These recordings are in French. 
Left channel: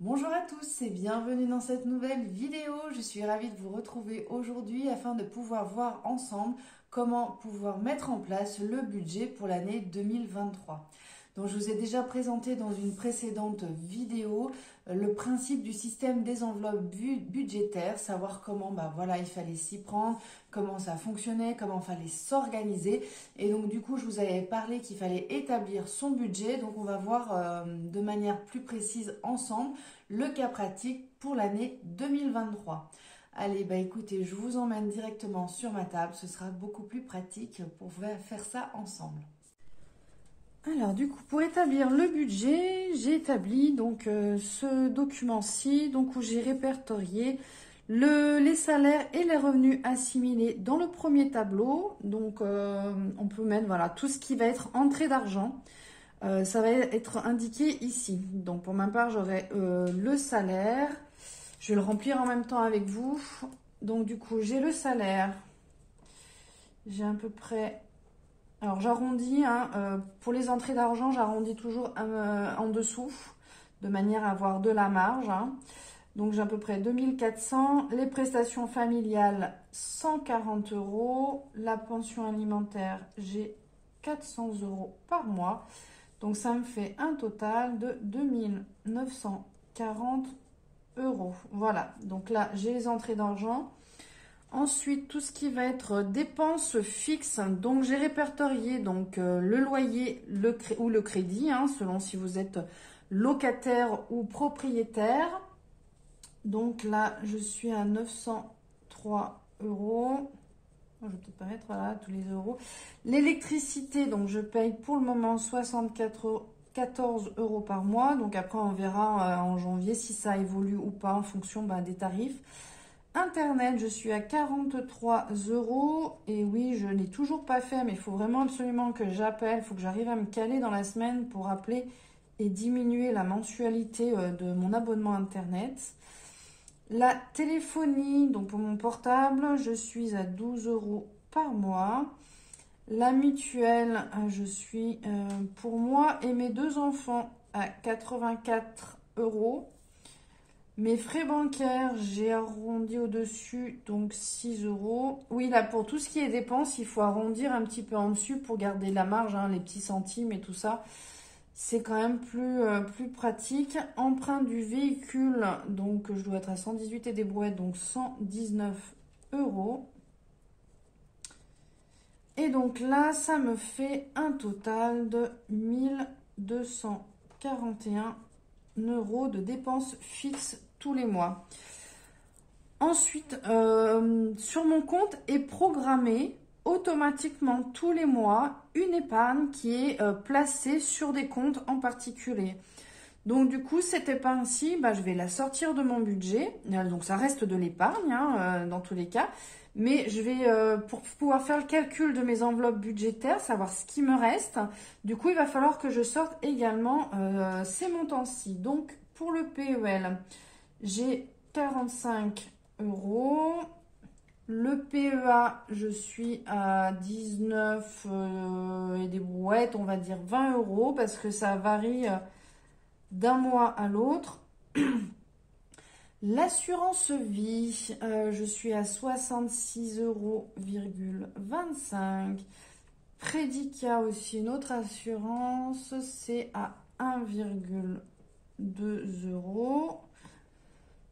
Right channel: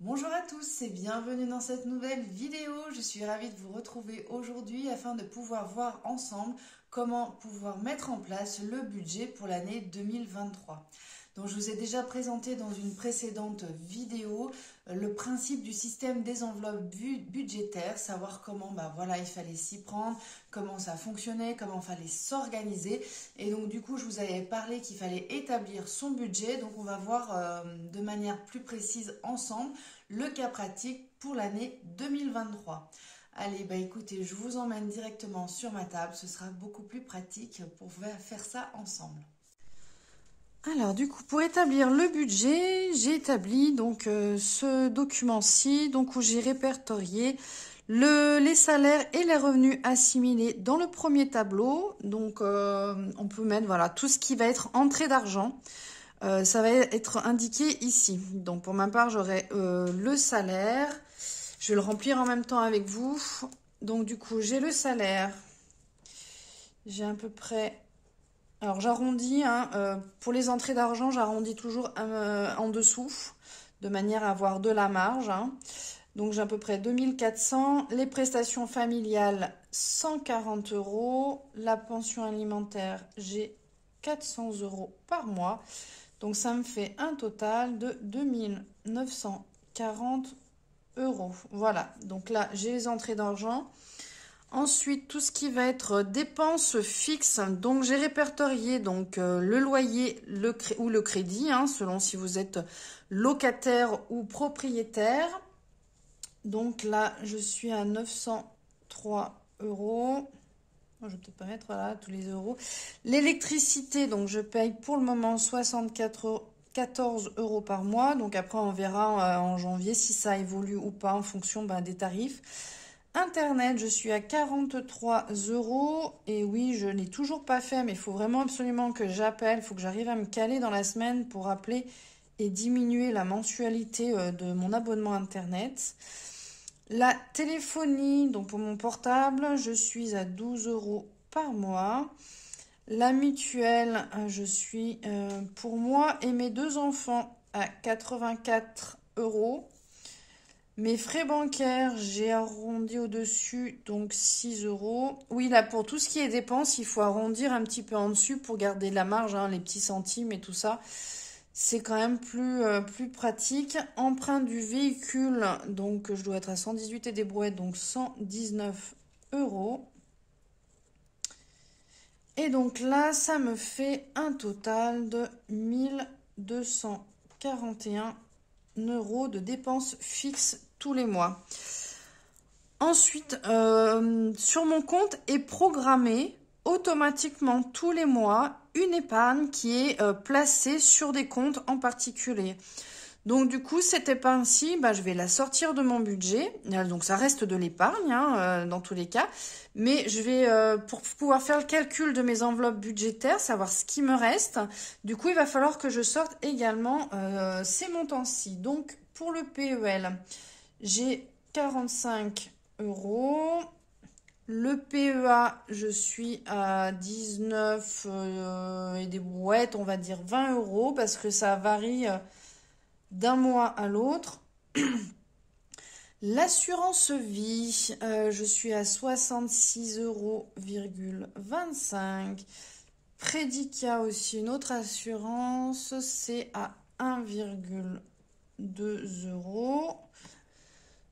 Bonjour à tous et bienvenue dans cette nouvelle vidéo. Je suis ravie de vous retrouver aujourd'hui afin de pouvoir voir ensemble comment pouvoir mettre en place le budget pour l'année 2023. Donc je vous ai déjà présenté dans une précédente vidéo le principe du système des enveloppes budgétaires, savoir comment il fallait s'y prendre, comment ça fonctionnait, comment il fallait s'organiser. Et donc du coup je vous avais parlé qu'il fallait établir son budget. Donc on va voir de manière plus précise ensemble le cas pratique pour l'année 2023. Allez, écoutez, je vous emmène directement sur ma table, ce sera beaucoup plus pratique pour faire ça ensemble. Alors du coup, pour établir le budget, j'ai établi donc ce document-ci, donc où j'ai répertorié les salaires et les revenus assimilés dans le premier tableau. Donc on peut mettre voilà tout ce qui va être entrée d'argent. Ça va être indiqué ici. Donc pour ma part, j'aurai le salaire. Je vais le remplir en même temps avec vous. Donc du coup, j'ai le salaire. J'ai à peu près... Alors j'arrondis, hein, pour les entrées d'argent, j'arrondis toujours en dessous, de manière à avoir de la marge. Hein. Donc j'ai à peu près 2400. Les prestations familiales, 140 €. La pension alimentaire, j'ai 400 € par mois. Donc ça me fait un total de 2940 €. Voilà, donc là j'ai les entrées d'argent. Ensuite, tout ce qui va être dépenses fixes, donc j'ai répertorié donc, le loyer ou le crédit, hein, selon si vous êtes locataire ou propriétaire. Donc là, je suis à 903 €. Je vais peut-être pas mettre voilà, tous les euros. L'électricité, donc je paye pour le moment 14 € par mois. Donc après, on verra en janvier si ça évolue ou pas en fonction des tarifs. Internet, je suis à 43 €. Et oui, je n'ai toujours pas fait, mais il faut vraiment absolument que j'appelle. Il faut que j'arrive à me caler dans la semaine pour appeler et diminuer la mensualité de mon abonnement Internet. La téléphonie, donc pour mon portable, je suis à 12 € par mois. La mutuelle, je suis pour moi et mes deux enfants à 84 €. Mes frais bancaires, j'ai arrondi au-dessus, donc 6 €. Oui, là, pour tout ce qui est dépenses, il faut arrondir un petit peu en dessus pour garder la marge, hein, les petits centimes et tout ça. C'est quand même plus pratique. Emprunt du véhicule, donc je dois être à 118 et des brouettes, donc 119 €. Et donc là, ça me fait un total de 1241 € de dépenses fixes tous les mois. Ensuite, sur mon compte est programmée automatiquement tous les mois une épargne qui est placée sur des comptes en particulier. Donc du coup, cette épargne-ci, je vais la sortir de mon budget. Donc ça reste de l'épargne hein, dans tous les cas. Mais je vais, pour pouvoir faire le calcul de mes enveloppes budgétaires, savoir ce qui me reste, du coup, il va falloir que je sorte également ces montants-ci. Donc pour le PEL, j'ai 45 €. Le PEA, je suis à 19 et des brouettes, on va dire 20 € parce que ça varie d'un mois à l'autre. L'assurance vie, je suis à 66,25 €. Prédicat aussi, une autre assurance, c'est à 1,2 €.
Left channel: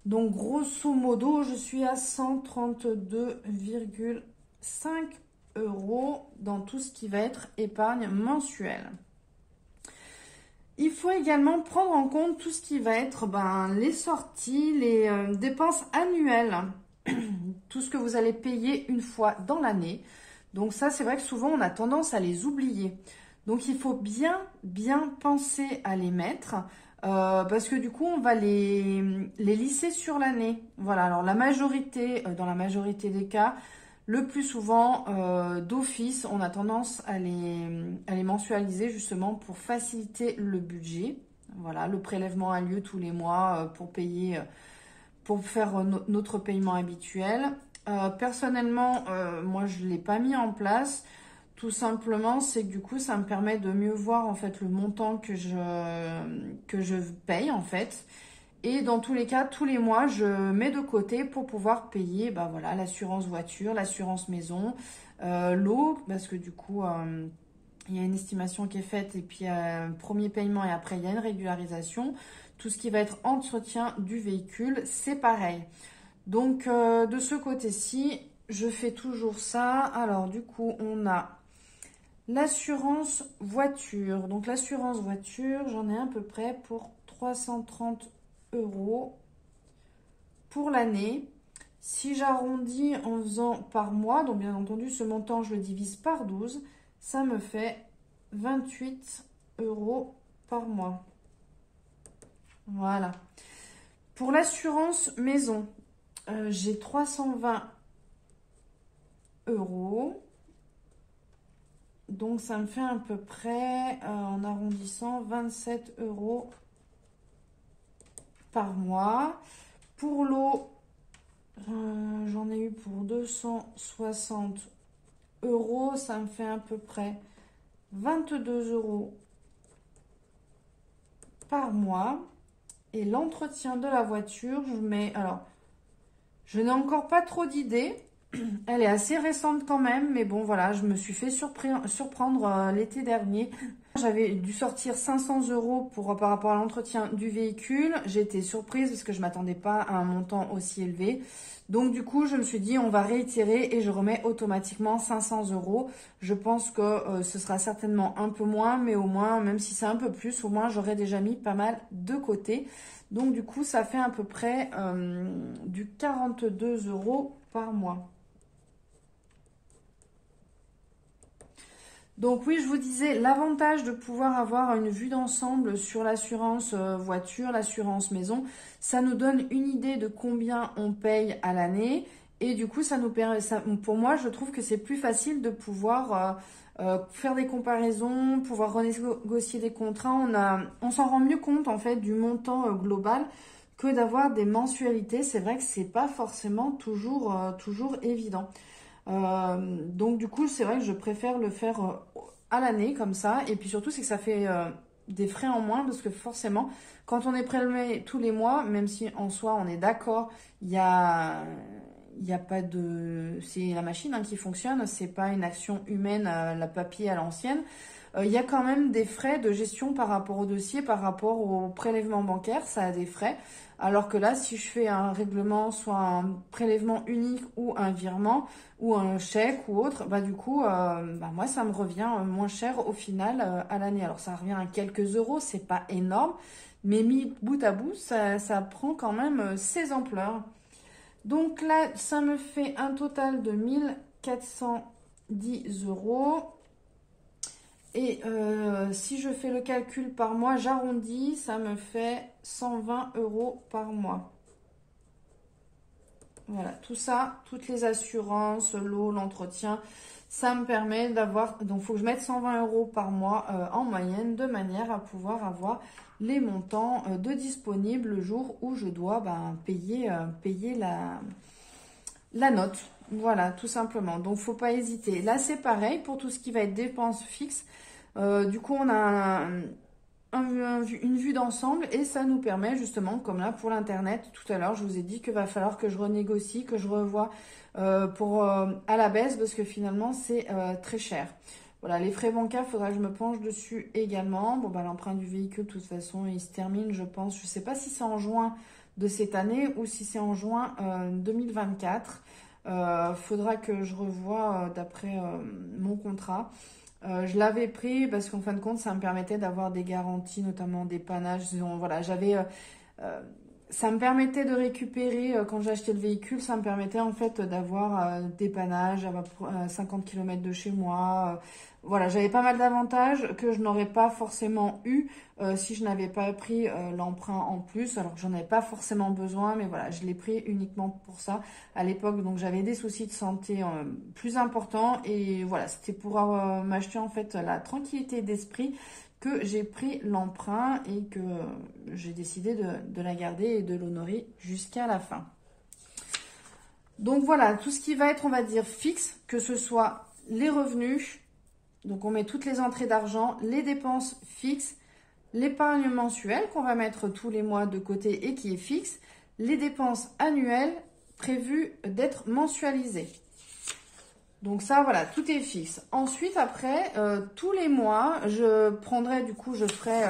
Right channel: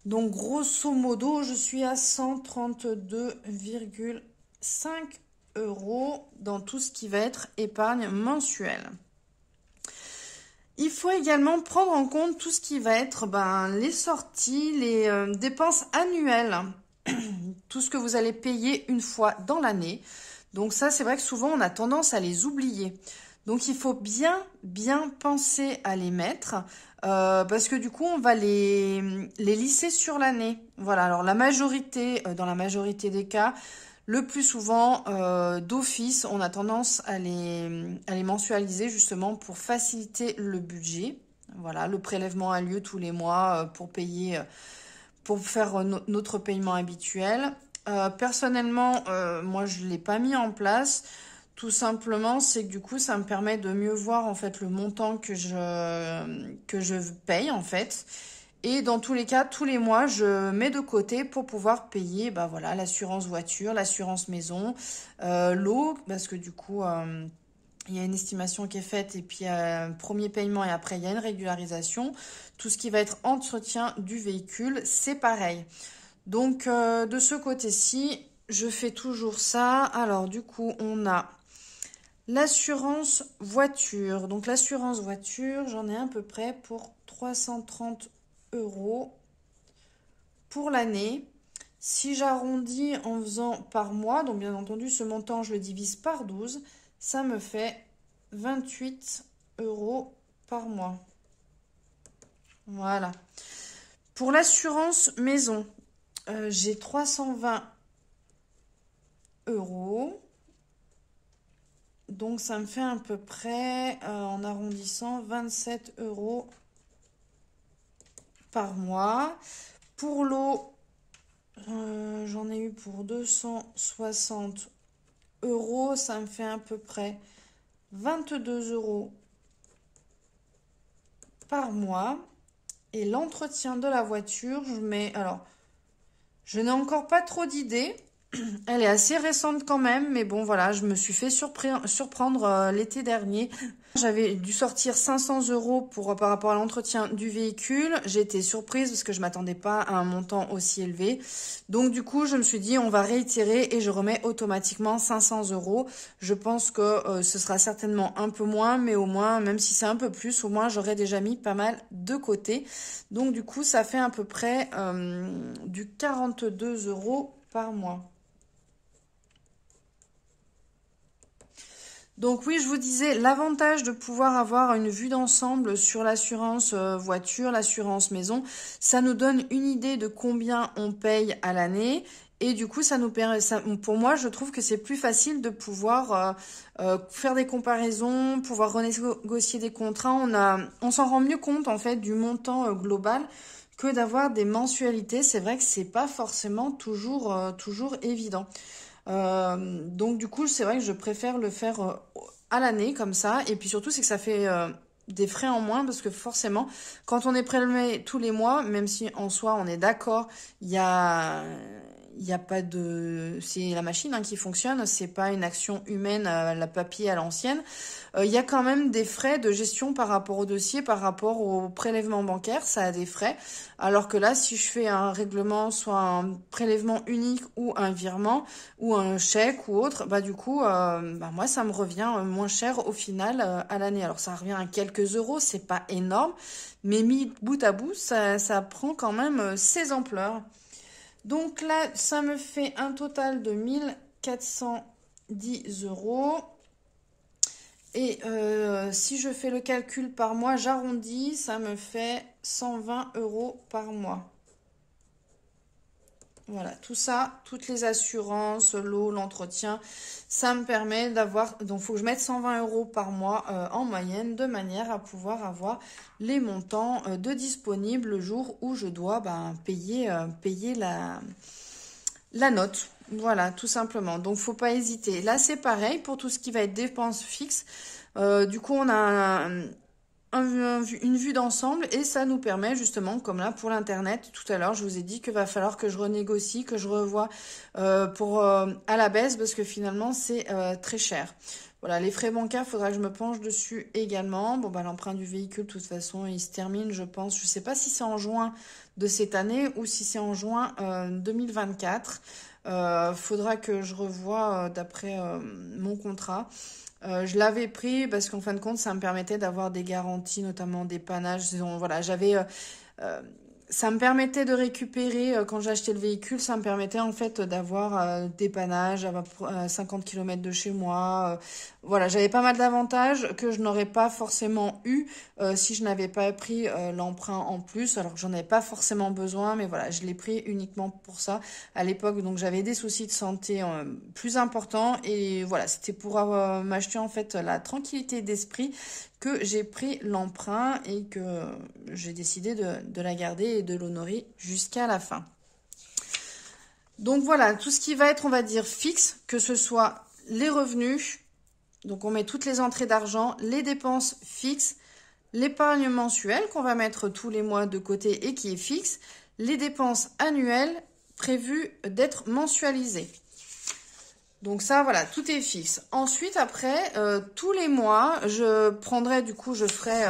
Donc, grosso modo, je suis à 132,5 € dans tout ce qui va être épargne mensuelle. Il faut également prendre en compte tout ce qui va être les sorties, les dépenses annuelles, tout ce que vous allez payer une fois dans l'année. Donc ça, c'est vrai que souvent, on a tendance à les oublier. Donc, il faut bien penser à les mettre parce que du coup, on va les lisser sur l'année. Voilà, alors dans la majorité des cas, le plus souvent, d'office, on a tendance à les mensualiser justement pour faciliter le budget. Voilà, le prélèvement a lieu tous les mois pour payer, pour faire notre paiement habituel. Personnellement, moi, je ne l'ai pas mis en place. Tout simplement, c'est que du coup, ça me permet de mieux voir en fait le montant que je paye en fait. Et dans tous les cas, tous les mois, je mets de côté pour pouvoir payer voilà, l'assurance voiture, l'assurance maison, l'eau, parce que du coup, il y a une estimation qui est faite et puis il y a un premier paiement et après il y a une régularisation. Tout ce qui va être entretien du véhicule, c'est pareil. Donc de ce côté-ci, je fais toujours ça. Alors du coup, on a l'assurance voiture. Donc l'assurance voiture, j'en ai à peu près pour 330 € pour l'année. Si j'arrondis en faisant par mois, donc bien entendu ce montant je le divise par 12, ça me fait 28 € par mois. Voilà. Pour l'assurance maison, j'ai 320 €. Donc ça me fait à peu près, en arrondissant, 27 € par mois. Pour l'eau, j'en ai eu pour 260 €. Ça me fait à peu près 22 € par mois. Et l'entretien de la voiture, je mets... Alors, je n'ai encore pas trop d'idées. Elle est assez récente quand même, mais bon voilà, je me suis fait surprendre l'été dernier. J'avais dû sortir 500 € par rapport à l'entretien du véhicule. J'ai été surprise parce que je ne m'attendais pas à un montant aussi élevé. Donc du coup, je me suis dit on va réitérer et je remets automatiquement 500 €. Je pense que ce sera certainement un peu moins, mais au moins, même si c'est un peu plus, au moins j'aurais déjà mis pas mal de côté. Donc du coup, ça fait à peu près du 42 € par mois. Donc oui, je vous disais, l'avantage de pouvoir avoir une vue d'ensemble sur l'assurance voiture, l'assurance maison, ça nous donne une idée de combien on paye à l'année. Et du coup, ça nous permet, pour moi, je trouve que c'est plus facile de pouvoir faire des comparaisons, pouvoir renégocier des contrats. On s'en rend mieux compte en fait du montant global que d'avoir des mensualités. C'est vrai que c'est pas forcément toujours évident. Donc du coup, c'est vrai que je préfère le faire à l'année comme ça. Et puis surtout, c'est que ça fait des frais en moins parce que forcément, quand on est prélevé tous les mois, même si en soi on est d'accord, il y a pas de... C'est la machine qui fonctionne, c'est pas une action humaine, la papier à l'ancienne. Il y a quand même des frais de gestion par rapport au dossier, par rapport au prélèvement bancaire, ça a des frais. Alors que là, si je fais un règlement, soit un prélèvement unique ou un virement ou un chèque ou autre, du coup, moi, ça me revient moins cher au final à l'année. Alors, ça revient à quelques euros, c'est pas énorme, mais mis bout à bout, ça prend quand même ses ampleurs. Donc là, ça me fait un total de 1410 €. Et si je fais le calcul par mois, j'arrondis, ça me fait 120 € par mois. Voilà, tout ça, toutes les assurances, l'eau, l'entretien, ça me permet d'avoir... Donc, il faut que je mette 120 € par mois en moyenne, de manière à pouvoir avoir les montants de disponibles le jour où je dois payer la note. Voilà, tout simplement. Donc, faut pas hésiter. Là, c'est pareil pour tout ce qui va être dépenses fixes. Du coup, on a une vue d'ensemble et ça nous permet justement, comme là pour l'internet, tout à l'heure, je vous ai dit qu'il va falloir que je renégocie, que je revoie à la baisse parce que finalement, c'est très cher. Voilà, les frais bancaires, il faudra que je me penche dessus également. Bon, l'emprunt du véhicule, de toute façon, il se termine, je pense. Je ne sais pas si c'est en juin de cette année ou si c'est en juin 2024. Faudra que je revoie d'après mon contrat. Je l'avais pris parce qu'en fin de compte, ça me permettait d'avoir des garanties, notamment des panages. Voilà, ça me permettait de récupérer, quand j'ai acheté le véhicule, ça me permettait en fait d'avoir des panages à 50 km de chez moi. Voilà, j'avais pas mal d'avantages que je n'aurais pas forcément eu si je n'avais pas pris l'emprunt en plus. Alors que j'en avais pas forcément besoin, mais voilà, je l'ai pris uniquement pour ça à l'époque. Donc j'avais des soucis de santé plus importants et voilà, c'était pour m'acheter en fait la tranquillité d'esprit que j'ai pris l'emprunt et que j'ai décidé de la garder et de l'honorer jusqu'à la fin. Donc voilà, tout ce qui va être, on va dire, fixe, que ce soit les revenus, donc on met toutes les entrées d'argent, les dépenses fixes, l'épargne mensuelle qu'on va mettre tous les mois de côté et qui est fixe, les dépenses annuelles prévues d'être mensualisées. Donc ça, voilà, tout est fixe. Ensuite, après, tous les mois, je prendrai, du coup, je ferai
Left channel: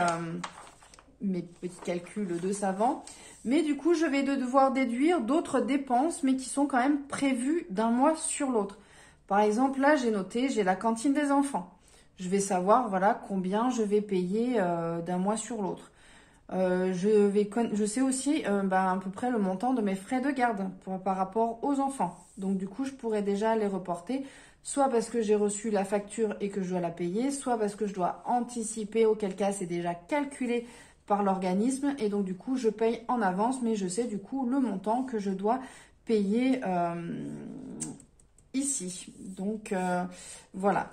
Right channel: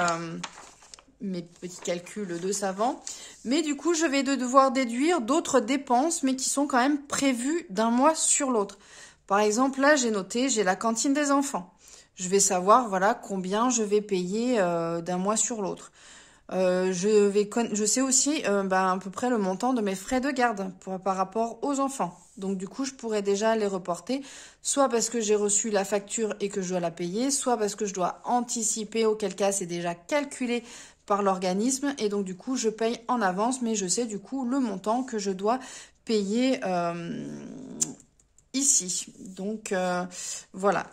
mes petits calculs de savant. Mais du coup, je vais devoir déduire d'autres dépenses, mais qui sont quand même prévues d'un mois sur l'autre. Par exemple, là, j'ai noté, j'ai la cantine des enfants. Je vais savoir, voilà, combien je vais payer d'un mois sur l'autre. Je sais aussi à peu près le montant de mes frais de garde par rapport aux enfants. Donc du coup, je pourrais déjà les reporter, soit parce que j'ai reçu la facture et que je dois la payer, soit parce que je dois anticiper, auquel cas c'est déjà calculé par l'organisme. Et donc du coup, je paye en avance, mais je sais du coup le montant que je dois payer ici. Donc voilà.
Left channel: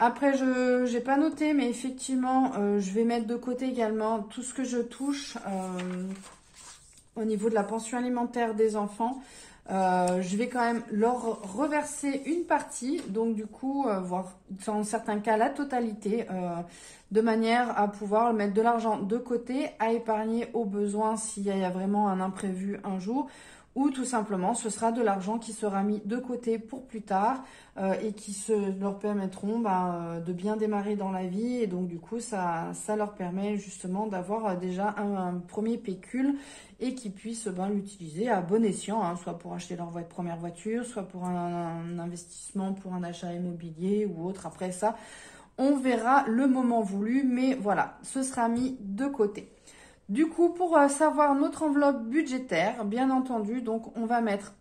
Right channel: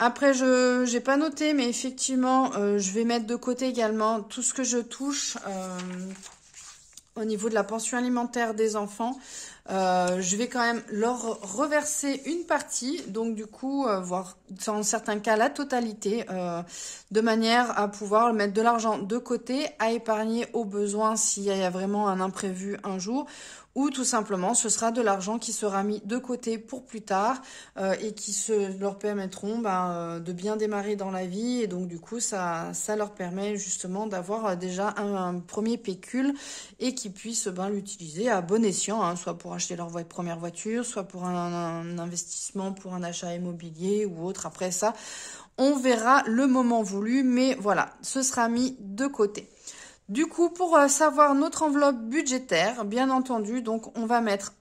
Après, je n'ai pas noté, mais effectivement, je vais mettre de côté également tout ce que je touche au niveau de la pension alimentaire des enfants. Je vais quand même leur reverser une partie, donc du coup, voire dans certains cas la totalité, de manière à pouvoir mettre de l'argent de côté, à épargner au besoin s'il y a vraiment un imprévu un jour, ou tout simplement ce sera de l'argent qui sera mis de côté pour plus tard et qui leur permettront de bien démarrer dans la vie, et donc du coup ça leur permet justement d'avoir déjà un premier pécule et qu'ils puissent l'utiliser à bon escient, hein, soit pour acheter leur première voiture, soit pour un investissement, pour un achat immobilier ou autre. Après ça, on verra le moment voulu, mais voilà, ce sera mis de côté. Du coup, pour savoir notre enveloppe budgétaire, bien entendu, donc on va mettre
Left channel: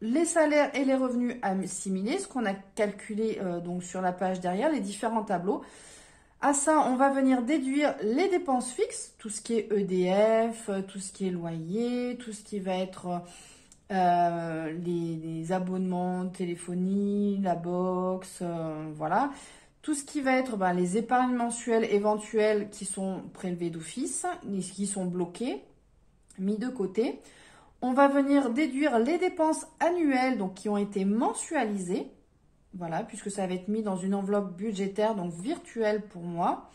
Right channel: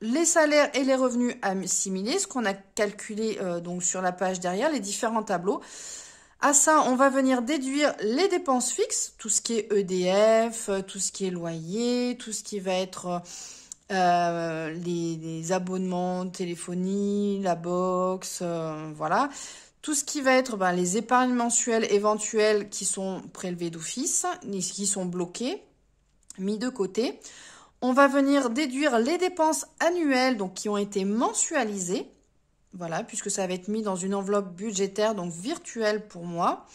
les salaires et les revenus assimilés, ce qu'on a calculé donc sur la page derrière, les différents tableaux. À ça, on va venir déduire les dépenses fixes, tout ce qui est EDF, tout ce qui est loyer, tout ce qui va être les abonnements, téléphonie, la box, voilà. Tout ce qui va être les épargnes mensuelles éventuelles qui sont prélevées d'office, qui sont bloquées, mis de côté. On va venir déduire les dépenses annuelles donc qui ont été mensualisées. Voilà, puisque ça va être mis dans une enveloppe budgétaire, donc virtuelle pour moi.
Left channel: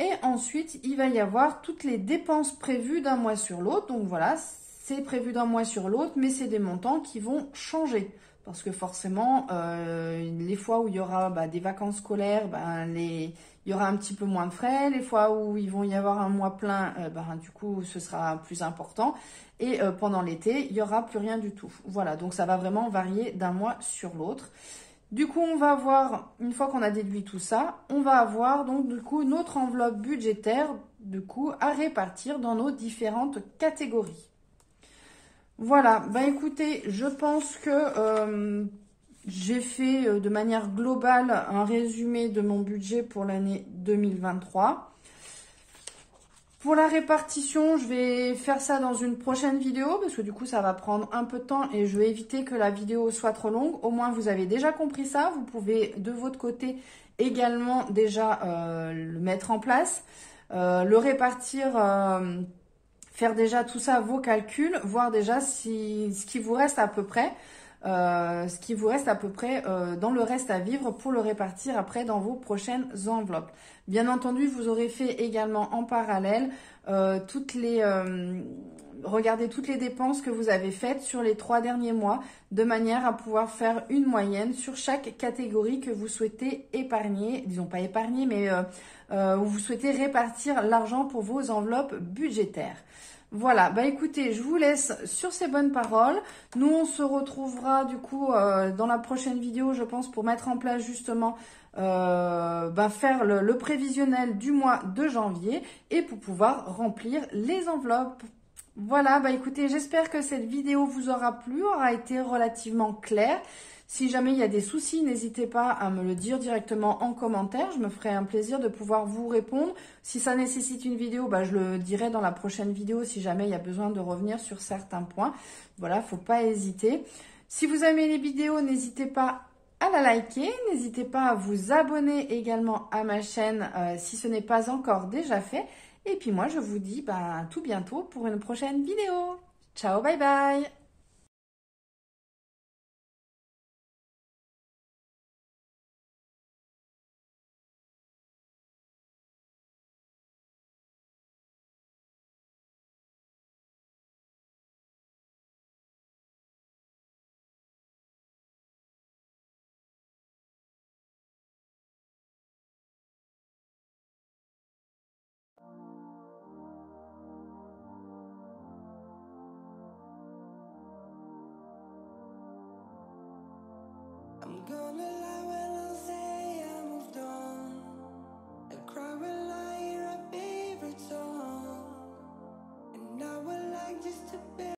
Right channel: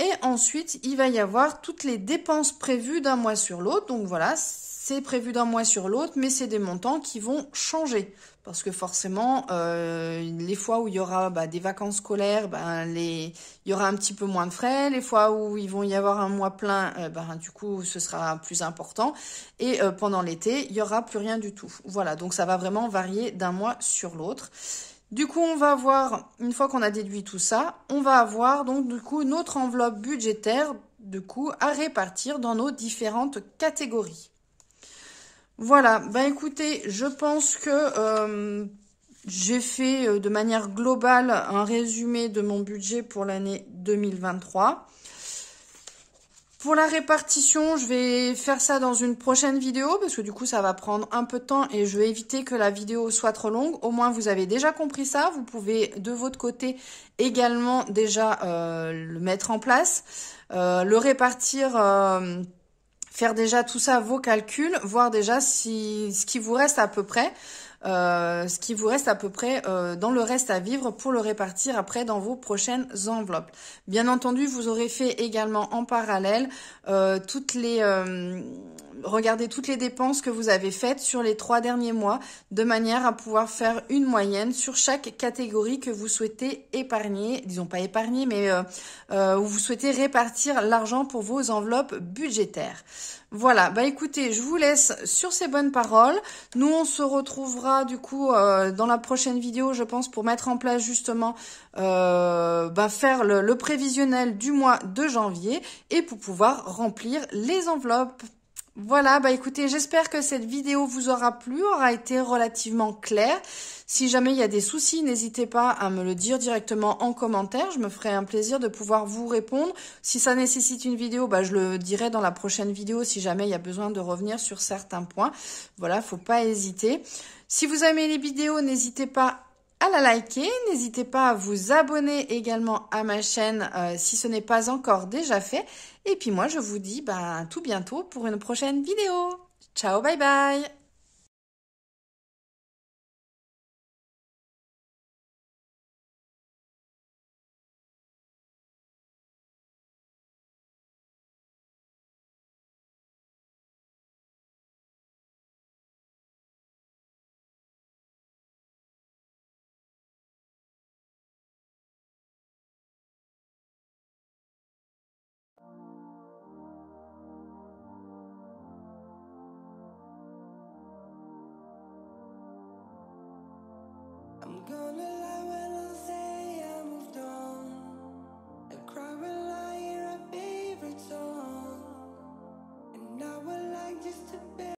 Et ensuite, il va y avoir toutes les dépenses prévues d'un mois sur l'autre. Donc voilà, c'est prévu d'un mois sur l'autre, mais c'est des montants qui vont changer. Parce que forcément, les fois où il y aura des vacances scolaires, il y aura un petit peu moins de frais. Les fois où il vont y avoir un mois plein, du coup, ce sera plus important. Et pendant l'été, il n'y aura plus rien du tout. Voilà, donc ça va vraiment varier d'un mois sur l'autre. Du coup, on va avoir, une fois qu'on a déduit tout ça, on va avoir donc du coup notre enveloppe budgétaire à répartir dans nos différentes catégories. Voilà, écoutez, je pense que j'ai fait de manière globale un résumé de mon budget pour l'année 2023. Pour la répartition, je vais faire ça dans une prochaine vidéo parce que du coup, ça va prendre un peu de temps et je vais éviter que la vidéo soit trop longue. Au moins, vous avez déjà compris ça. Vous pouvez de votre côté également déjà le mettre en place, le répartir, faire déjà tout ça, vos calculs, voir déjà ce qui vous reste à peu près. Dans le reste à vivre pour le répartir après dans vos prochaines enveloppes. Bien entendu, vous aurez fait également en parallèle regardez toutes les dépenses que vous avez faites sur les 3 derniers mois de manière à pouvoir faire une moyenne sur chaque catégorie que vous souhaitez épargner, disons pas épargner, mais où vous souhaitez répartir l'argent pour vos enveloppes budgétaires. Voilà, écoutez, je vous laisse sur ces bonnes paroles. Nous, on se retrouvera du coup dans la prochaine vidéo, je pense, pour mettre en place justement, faire le prévisionnel du mois de janvier et pour pouvoir remplir les enveloppes. Voilà, écoutez, j'espère que cette vidéo vous aura plu, aura été relativement claire. Si jamais il y a des soucis, n'hésitez pas à me le dire directement en commentaire. Je me ferai un plaisir de pouvoir vous répondre. Si ça nécessite une vidéo, je le dirai dans la prochaine vidéo si jamais il y a besoin de revenir sur certains points. Voilà, faut pas hésiter. Si vous aimez les vidéos, n'hésitez pas à la liker. N'hésitez pas à vous abonner également à ma chaîne si ce n'est pas encore déjà fait. Et puis moi, je vous dis à tout bientôt pour une prochaine vidéo. Ciao, bye bye! gonna lie.